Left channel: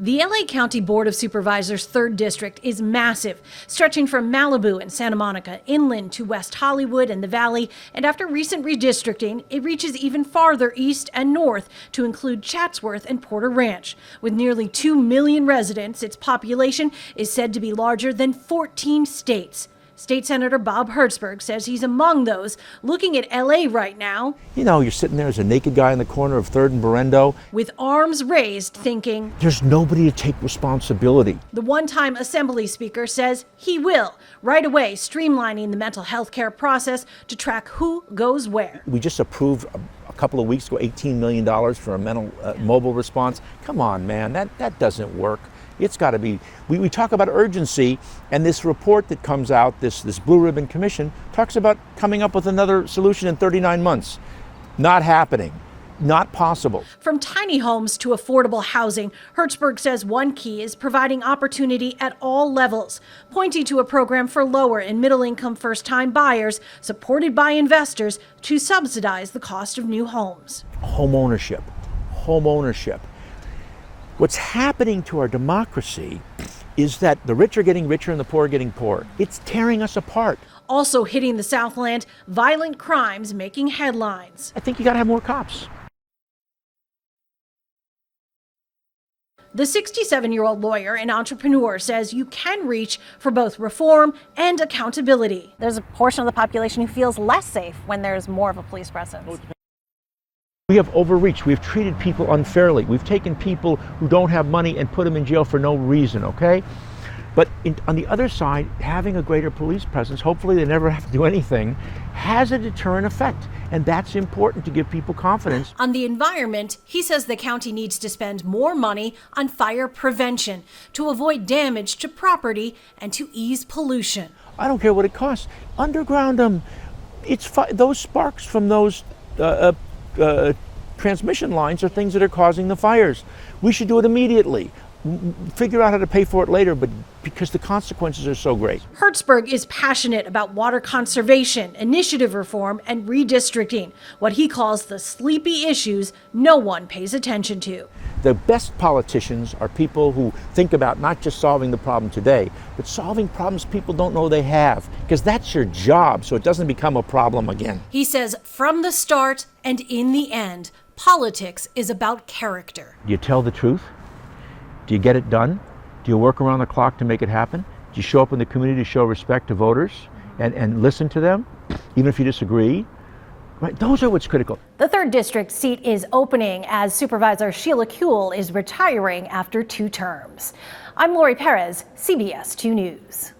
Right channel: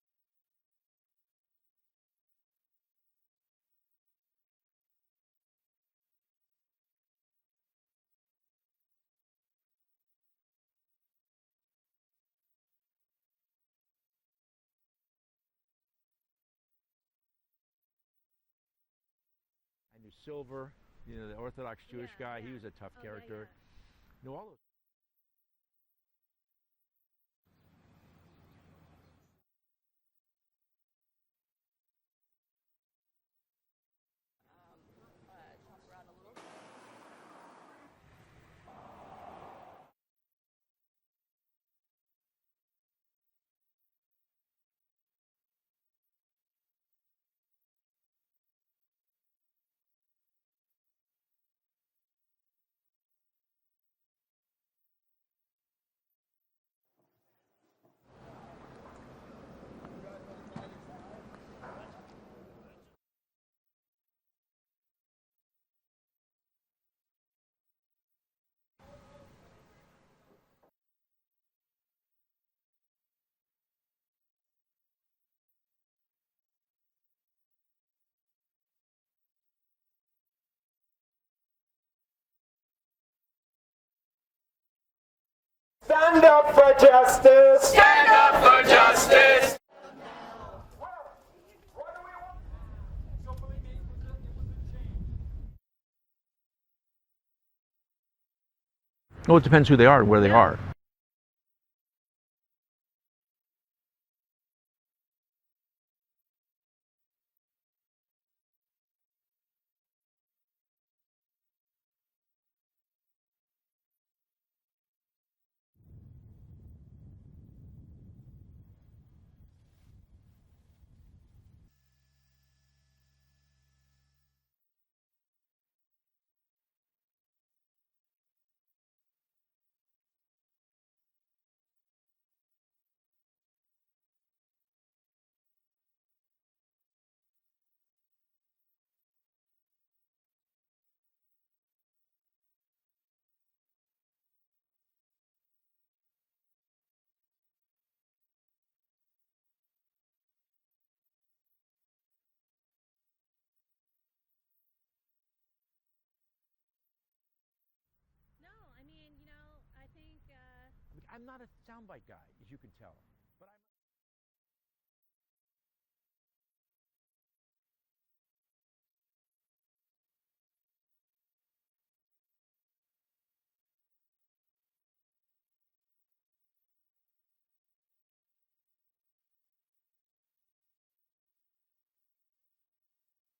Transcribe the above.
The LA County Board of Supervisors' 3rd District is massive, stretching from Malibu and Santa Monica inland to West Hollywood and the Valley, and after recent redistricting, it reaches even farther east and north to include Chatsworth and Porter Ranch. With nearly 2 million residents, its population is said to be larger than 14 states. State Senator Bob Hertzberg says he's among those looking at LA right now. You know, you're sitting there as a naked guy in the corner of 3rd and Berendo, with arms raised, thinking, there's nobody to take responsibility. The one-time Assembly Speaker says he will, right away streamlining the mental health care process to track who goes where. We just approved a couple of weeks ago $18 million for a mental mobile response. Come on, man, that doesn't work. It's got to be, we talk about urgency, and this report that comes out, this Blue Ribbon Commission, talks about coming up with another solution in 39 months. Not happening. Not possible. From tiny homes to affordable housing, Hertzberg says one key is providing opportunity at all levels, pointing to a program for lower and middle-income first-time buyers supported by investors to subsidize the cost of new homes. Home ownership. What's happening to our democracy is that the rich are getting richer and the poor are getting poorer. It's tearing us apart. Also hitting the Southland, violent crimes making headlines. I think you got to have more cops. Stand up for justice! Stand up for justice! The 67-year-old lawyer and entrepreneur says you can reach for both reform and accountability. There's a portion of the population who feels less safe when there's more of a police presence. Well, it depends who they are and where they are. We have overreached. We've treated people unfairly. We've taken people who don't have money and put them in jail for no reason, okay? But on the other side, having a greater police presence, hopefully they never have to do anything, has a deterrent effect. And that's important to give people confidence. On the environment, he says the county needs to spend more money on fire prevention to avoid damage to property and to ease pollution. I don't care what it costs. Underground them. Those sparks from those transmission lines are things that are causing the fires. We should do it immediately. Figure out how to pay for it later, but because the consequences are so great. Hertzberg is passionate about water conservation, initiative reform, and redistricting, what he calls the sleepy issues no one pays attention to. The best politicians are people who think about not just solving the problem today, but solving problems people don't know they have, because that's your job, so it doesn't become a problem again. He says from the start and in the end, politics is about character. Do you tell the truth? Do you get it done? Do you work around the clock to make it happen? Do you show up in the community to show respect to voters and listen to them, even if you disagree? Right? Those are what's critical. The 3rd District seat is opening as Supervisor Sheila Kuehl is retiring after 2 terms. I'm Lori Perez, CBS 2 News.